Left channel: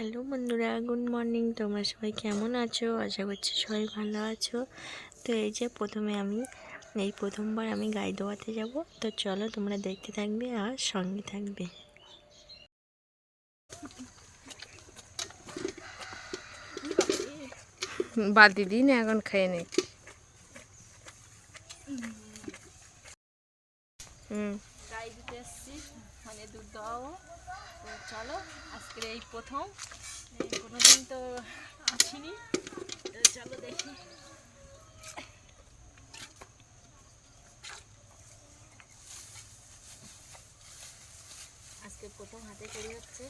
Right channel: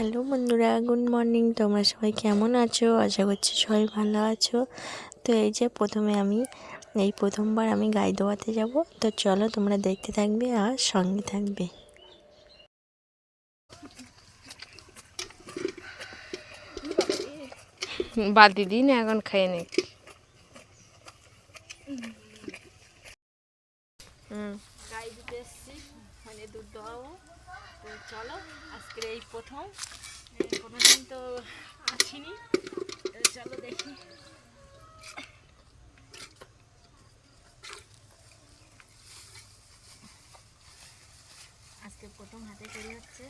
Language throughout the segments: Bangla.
হ্যালো বন্ধুরা, গুড মর্নিং। তোমরা সবাই কেমন আছো? আশা করছি সবাই ভালো আছো। তো এই যে প্রথমবার আমি গাই দোয়াতে যাব। তো চলো তোমরা দেখতে থাকবে আর সঙ্গে থাকবে। বালতি দিন এখন খেয়ে নে। গাই দিতে এসছি, মানে দুধ দোয়াবো। তো চলো, আজকের এই প্রথম, কোনোদিন তো আসিনি। তো চলো দেখি। আজকে প্রথম হাতে তৈরি হচ্ছে।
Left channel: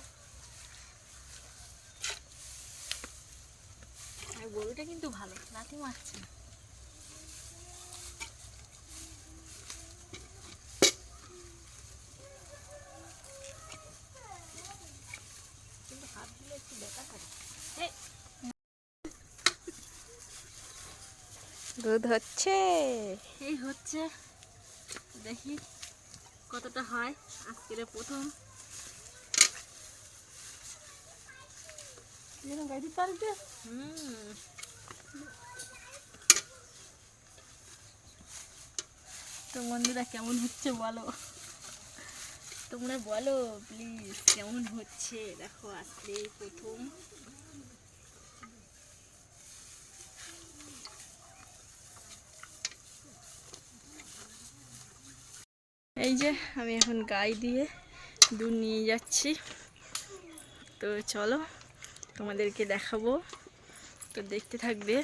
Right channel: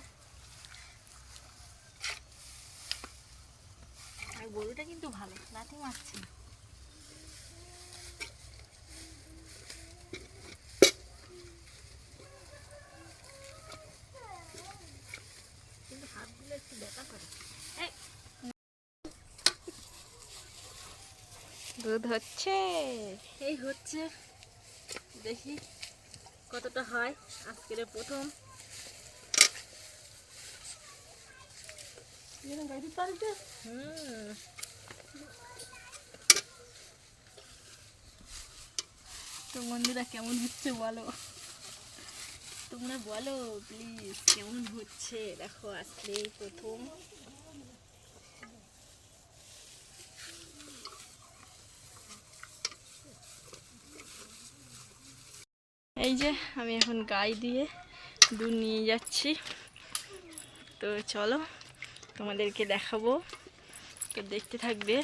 আর গরুটা কিন্তু ভালো, লাথি মারছে না। কিন্তু হাত দিলে একটু ব্যথা করে। দুধ হচ্ছে, এই হচ্ছে, দেখি কতটা হয়। আজকের প্রথম তো বন্ধুরা কেমন হচ্ছে বলো, তোমরা বলো প্লিজ কেমন হচ্ছে। দেখো আজকে এই প্রথম। এই যে আমি এখন গাই দিয়ে দুধ নিয়ে যাচ্ছি। তো চলো তোমাদেরকে দেখাবো, তো দেখতে থাকবে।